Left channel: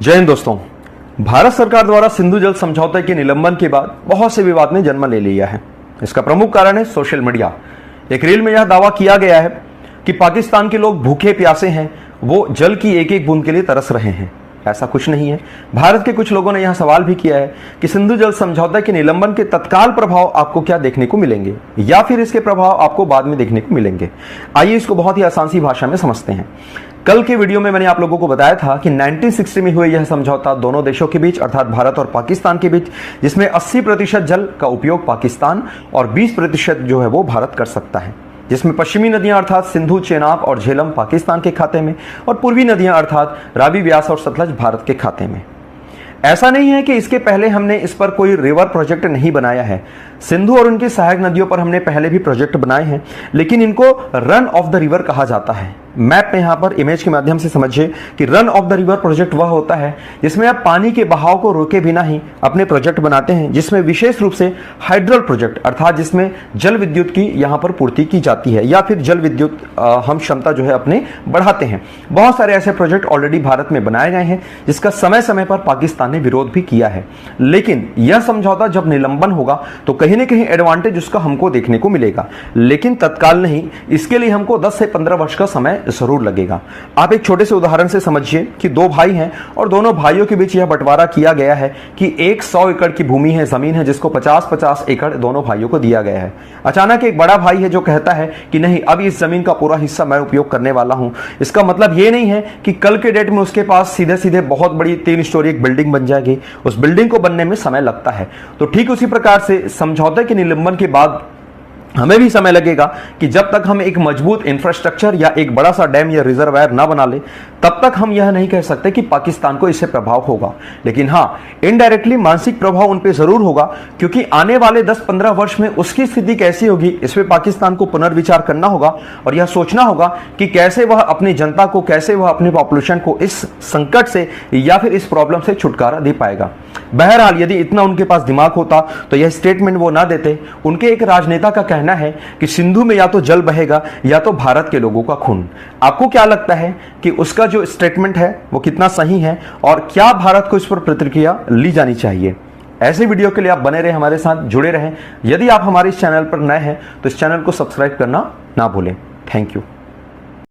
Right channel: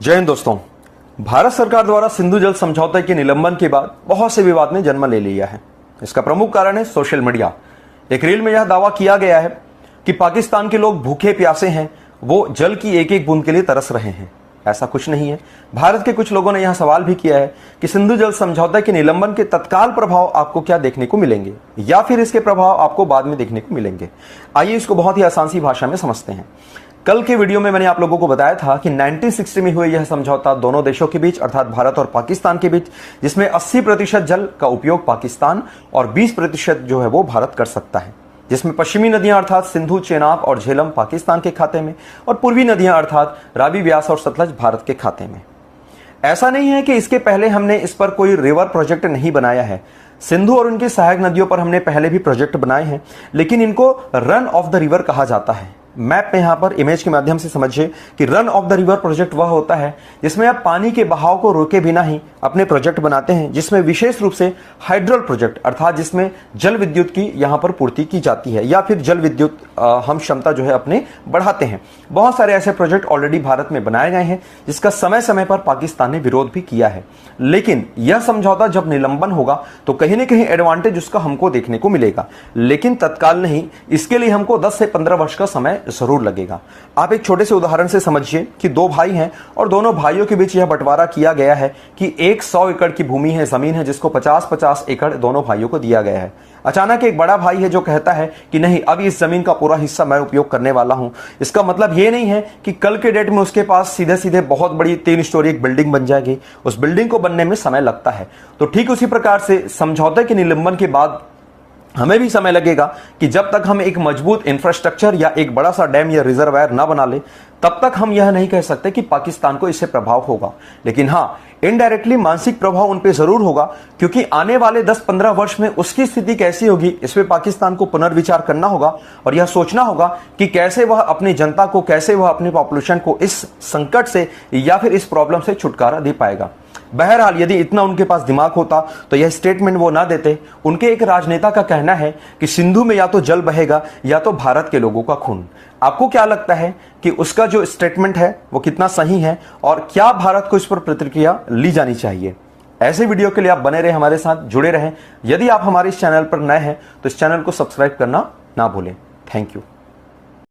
जय हिंद दोस्तों। भारत सरकार द्वारा सिंधु जल समझौते के निलंबन के बाद बहुत से विवाद ने जन्म ले लिया है। इसका प्रमुख कारण है सोशल मीडिया। एक रील में यह दावा किया गया है कि पाकिस्तान के लोग भूखे प्यासे हैं, वो जल की एक एक बूंद के लिए तरस रहे हैं। ऐसा कुछ नहीं है। भारत के कुछ लोगों ने यह सवाल भी किया है कि सिंधु जल समझौते के निलंबन के तत्काल प्रभाव आपको क्या देखने को मिलेंगे या फिर इसके प्रभाव आपको बाद में देखने को मिलेंगे। आइए इसको बहुत ही आसान सी भाषा में समझते हैं। कल के वीडियो में मैंने आप लोगों को बताया था कि 1960 में हुए यह समझौता दोनों देशों के बीच अर्थात भारत और पाकिस्तान के बीच, जिसमें 80% जल का उपयोग पाकिस्तान और 20% जो है वो भारत कर सकता है, जिसमें पश्चिमी नदियां अर्थात सिंधु, चेनाब और झेलम पाकिस्तान के खाते में और पूर्वी नदियां अर्थात रावी, व्यास और सतलज भारत के खाते में। ऐसा नहीं है कि इसके पहले हमने इस पर कोई रिवर प्रोजेक्ट नहीं बनाया है। सिंधु और उनकी सहायक नदियों पर हमने पहले भी प्रोजेक्ट बनाए हैं, लेकिन इनको रन ऑफ द रिवर कहा जाता है। मैप में यहां पर इमेज के माध्यम से समझिए कि run of the river project वह होता है जिसमें आप पानी के बहाव को रोके बिना ही अपने प्रोजेक्ट बनाते हैं, जिसमें विशेष रूप से हाइड्रल प्रोजेक्ट अर्थात जिसमें जल विद्युत की यहां पर पूर्ति की जाती है या फिर जल विद्युत हम क्षमता जो है अपने बढ़ाते हैं। बहुत सारे ऐसे प्रोजेक्ट ऑलरेडी भारत में बनाए गए हैं जिसका समय समय पर पाकिस्तान ने विरोध भी किया है। लेकिन यह समझौता जब निलंबन होगा तो कहीं ना कहीं एडवांटेज उसका हमको देखने को मिलेगा, लेकिन तत्काल नहीं। इसके लिए हमको 10 से 15 वर्ष का समय जरूर लगेगा। आप एक छोटे से उदाहरण से समझिए कि दो भाई हैं और दोनों भाइयों के बीच यह बंटवारा किया गया है कि एक 100 एकड़ की भूमि है, जमीन है, जिसको 50-50 एकड़ दोनों भाइयों को दिया गया है। अचानक एक बड़ा भाई है जो कहता है कि नहीं, अब इस जमीन का पूरा हिस्सा मैं उपयोग करने वाला हूं। इसका मतलब यह नहीं है कि कल के डेट में उसके पास सीधे सीधे बहुत बड़ी 3 स्टोरी एक बिल्डिंग बन जाएगी। उस बिल्डिंग को बनने में समय लगता है। तो ठीक उसी प्रकार से समझौते के निलंबन के बाद हमें भी समय लगेगा कि जब तक हम एक मजबूत इंफ्रास्ट्रक्चर या एक बड़ा सा डैम या रिजर्वायर ना बना ले, तब तक हम यह नहीं कह सकते कि पाकिस्तान को इससे प्रभाव होगा। लेकिन हां, इनडायरेक्टली मानसिक प्रभाव उन पे जरूर होगा, क्योंकि आने वाले 10-15 वर्ष में उसकी स्थिति कैसी होगी, इस पे पाकिस्तान को पुनर्विचार करना होगा और यह सोचना होगा कि कैसे वह अपनी जनता को, कैसे वह अपने पॉपुलेशन को इस संकट से या फिर इस प्रॉब्लम से छुटकारा दे पाएगा। बहरहाल यदि इतना उनके पास दिमाग होता तो यह स्टेटमेंट वो ना देते। उनके एक राजनेता का कहना है कि सिंधु में या तो जल बहेगा या तो भारत के लोगों का खून। आपको क्या लगता है कि उसका जो स्टेटमेंट है वो कितना सही है और क्या भारत को इस पर प्रतिक्रिया ली जानी चाहिए? ऐसे वीडियो के लिए आप बने रहे, हमारे साथ जुड़े रहें। यदि आप हमारे इस चैनल पर नए हैं तो इस चैनल को सब्सक्राइब करना ना भूलें। Thank you.